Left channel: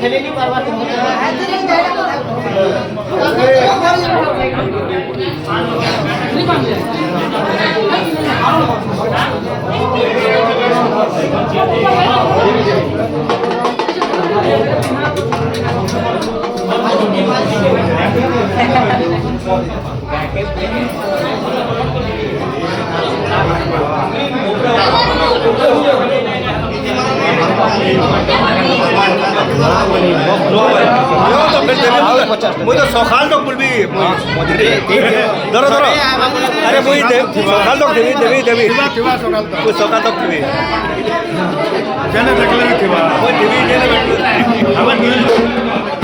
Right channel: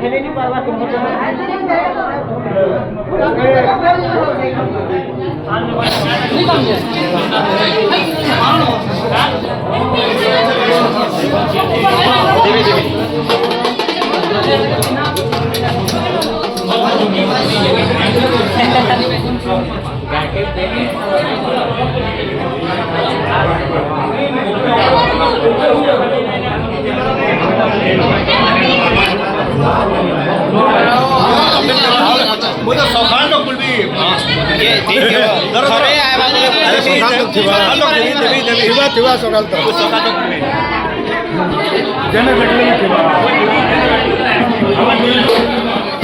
खेलेगी बार बार मुझे सखान लोग कुल भी ठीक है खरे आहे बाबा अरे मी सखान लोग देवी किंवा सखान तो सखान लोग तुम्ही जन भेटले ना किंवा आवाज